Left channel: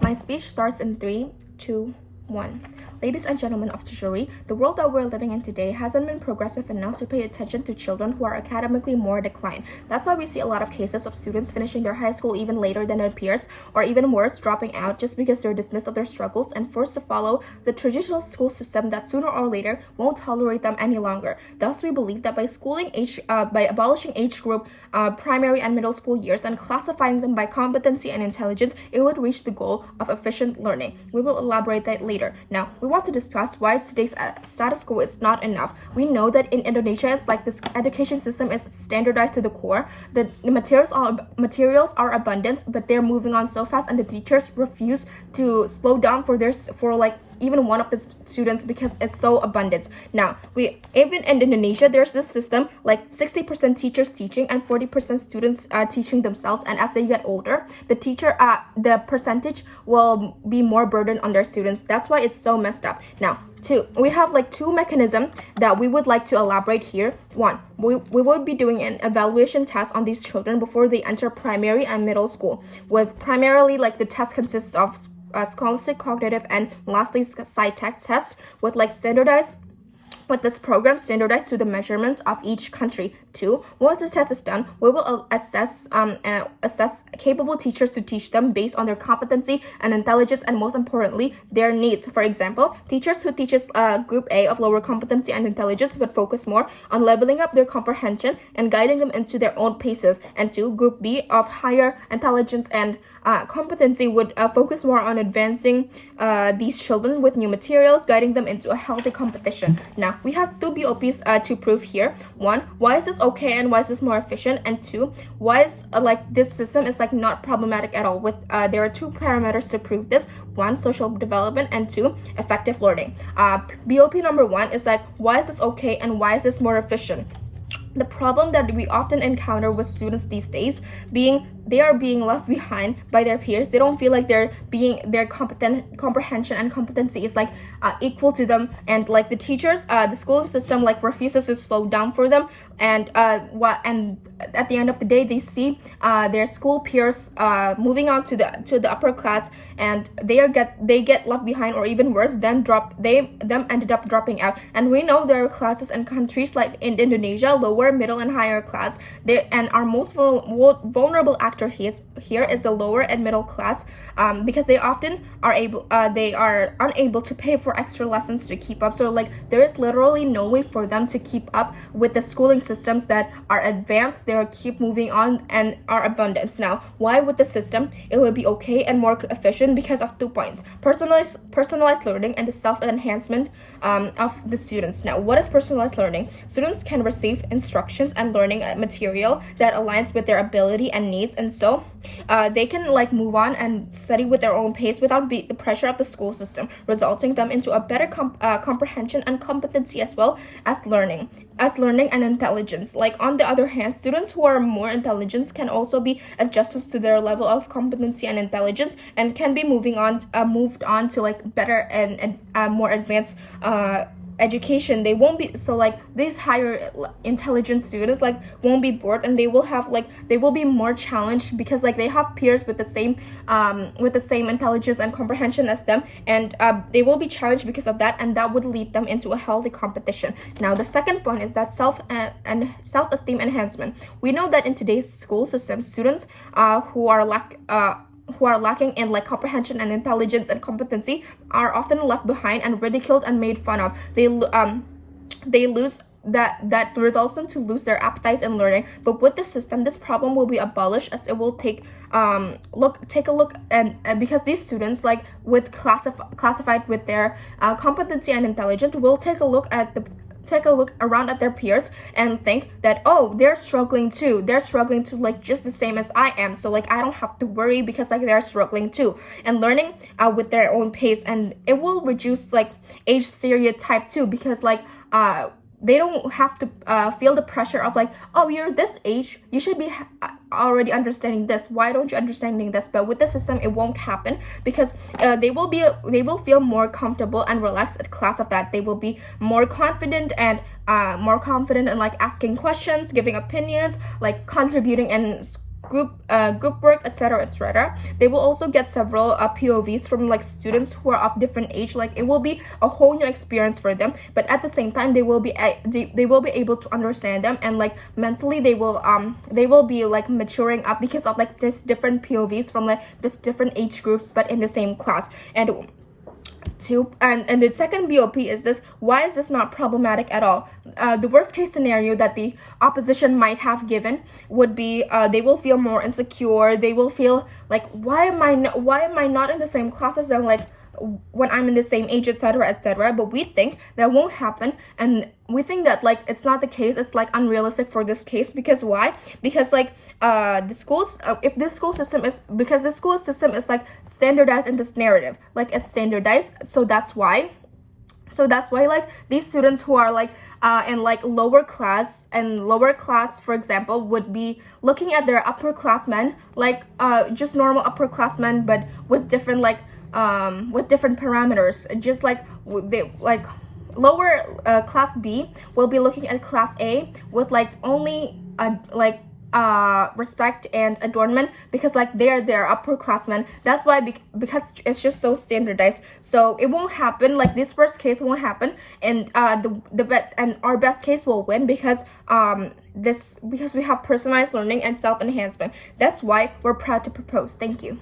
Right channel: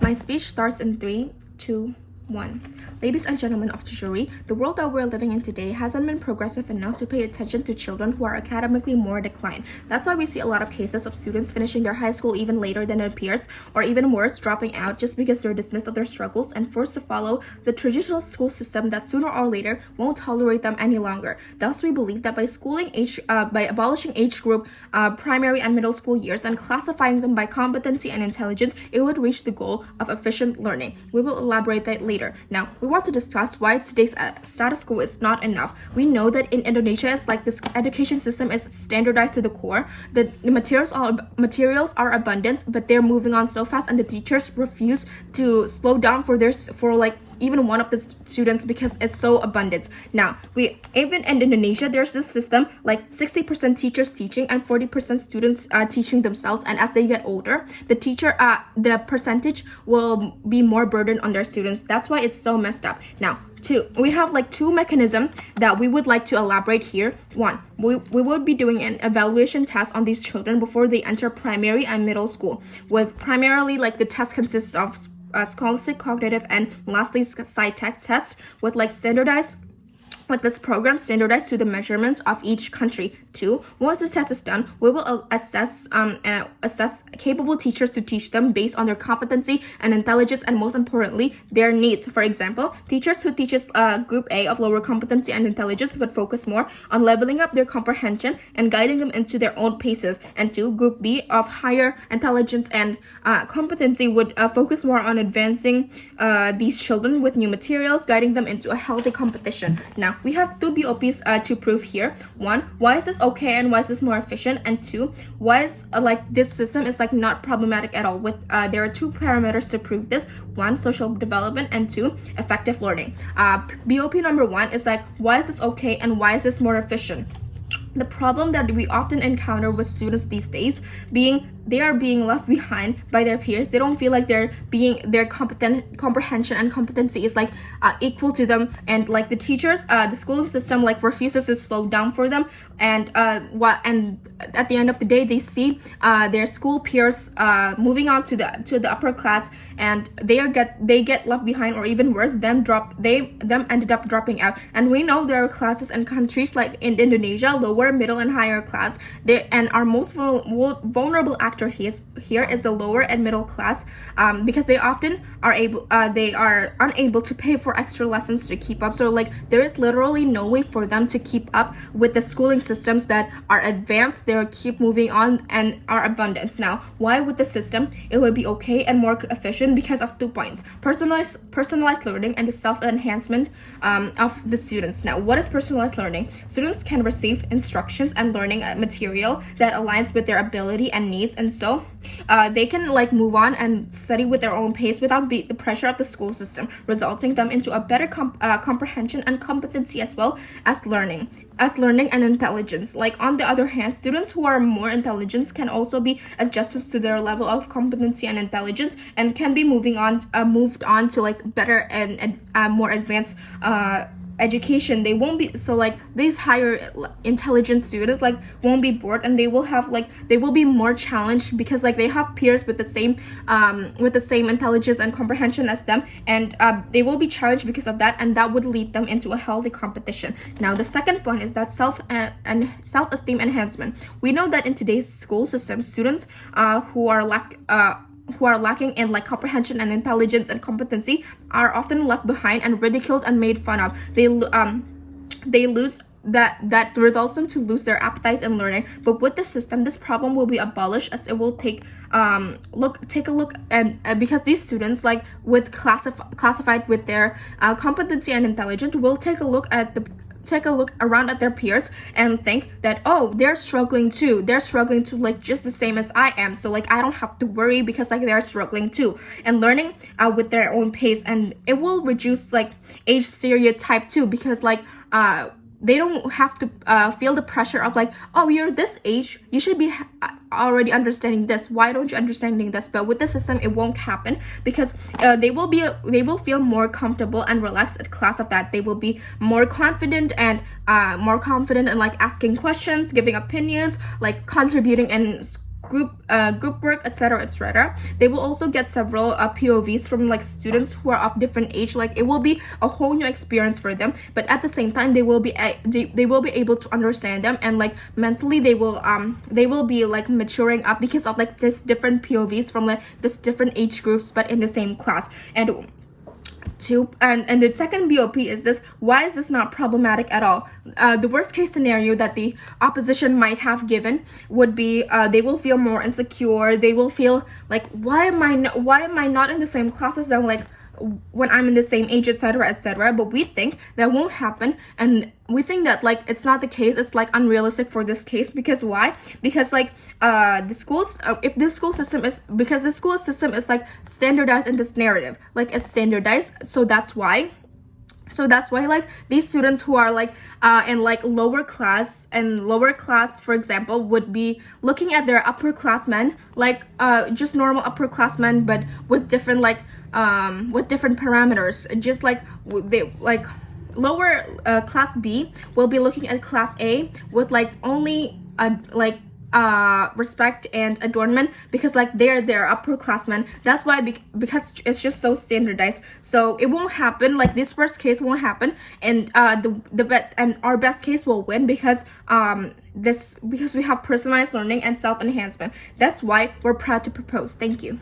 My speech starts in 3, 2, 1. Ladies and gentlemen of the jury, the world that we're living in today hasn't been progressive enough to pay attention to children who are academically more declined. That's why we see a lot of cases of students finishing their high school even later than their peers, or even worse, dropping out just because they're dismissed of their struggles and forced to follow the traditional school system that sooner or later won't tolerate them any longer. Thus, we believe that by abolishing age group primary and middle school years and classifying them by competency and intelligence, it would reach the goal of efficient learning. We will elaborate that later. Now, we want to discuss why today's status quo is not enough. We know that in Indonesia, it's like this education system is standardized to the core. The materials are abundant, but they're moving on so fast, and the teachers refuse to slow down for even one of the students because it's so abundant. Now, even in Indonesia, there's this system like 60% teachers teaching and 40% students teaching themselves. And as they get older, the percentage will be more burden on their students. That's why it's so messed up. Now, we have two mechanisms that we would like to elaborate here. One, we would be doing an evaluation test on these children before they enter primary and middle school. With primarily the test consists of scholastic, cognitive, and lastly side tests with this program standardized to the measurements of each country. 2, once this test is done, we will assess capable teachers to teach them based on their competency and intelligence, and most importantly, their needs. For example, teachers who teaches Group A of lower competency and intelligence would focus more on leveling up their comprehension and guiding them into their own paces. And 2, Group B of higher intelligence and competency would focus more on advancing these children with new materials, guiding them into a healthy competition. Now, we have 2 BOPs to prove here. 1, why is this okay and why is this more efficient? And 2, why is this system is not problematic at all? With there are 2 parameters to prove this. 1, social development, and 2, effective learning. BOP number 1 is why is this okay and why is this more efficient? The problem that we often encounter with students these days being they are being left behind by their peers. They don't feel like their comprehension and competency is equal to them, and the teachers, the schooling system refuses to slow down for them, and at the end of the day they see their school peers moving on to the upper class, and they get left behind, or even worse, them ended up dropping out. And we know there are classes and countries like in Indonesia, lower, middle, and higher class, and our most vulnerable actor here is the lower and middle class, because they often are unable to pay for extra lessons to keep up. So there is literally no way for them to keep up with the schooling systems that are advanced. They keep moving on and are abundant. Now, why with the system it would be okay and more efficient? Because of 2 points: personalized learning and the self-enhancement of the students. Now, what is personalized learning? Students can receive instructions and learning material that aligns with their ability and needs, and so they can move on and study with their own pace without the pressure of the school system, resulting them into a better comprehension and competency, as well as learning and intelligence. On the other hand, students who are more intelligent can also be adjusted to their level of competency and intelligence, and can be moved on to better and more advanced education. They won't be these higher intelligent students won't be bored, and they will be more challenged because they have peers with the same intelligence and comprehension as them, and they will be challenged because of that, and that would lead them into a healthy competition. Now, the second point is that self-esteem enhancement. We know that in today's school system, students who are lacking in comprehension and intelligence and competency are often left behind and ridiculed and made fun of. They lose that results them to lose their appetites in learning. But with this system, this problem will be abolished, as it will take a look and because these students classified with their competency and intelligence will take a look around at their peers and think that, oh, they're struggling too just the same as I am, so I don't have to worry because they're struggling too, and learning with their own pace. And it will reduce age stereotype too, because they don't have to feel the pressure of oh, you're this age, you should be already understanding this, why don't you understanding this? But with the system, it won't happen, because they will feel more comfortable and relaxed at class of that. They will be more confident and asking questions, giving opinions, contributing and group work, etc., etc. They will also get several POVs from like students who are of different age. Like it will be a whole new experience for them, but at the same time they will be able to understand them, and like mentally they will be like maturing up because of like this different POVs from like this different age groups, but in the same class. And the second BOP is this: why is this not problematic at all? The worst case scenario that the opposition might have given would be they will feel more insecure. They will feel like, why am I not in the same class as them, like when I'm in the same age, etc., etc. But we think that won't happen, and we think that like it's not the case. It's like unrealistic for this case. Because why? Because like the schools, if this school system is, because the school system is like standardized in this narrative, like it's standardized, so that's why like these students who are like in like lower class, for example, would be looking at their upperclassmen like just normal upperclassmen, but with different like with different parameters. Just like they like lower class B will be looking at class A with like only respect and adornment, because like they're upperclassmen. That's why, because it's just so standardized. So it won't happen. Like this worst case won't happen, and our best case will win, because because we have personalized learning and self-enhancement. That's why we're proud to propose. Thank you.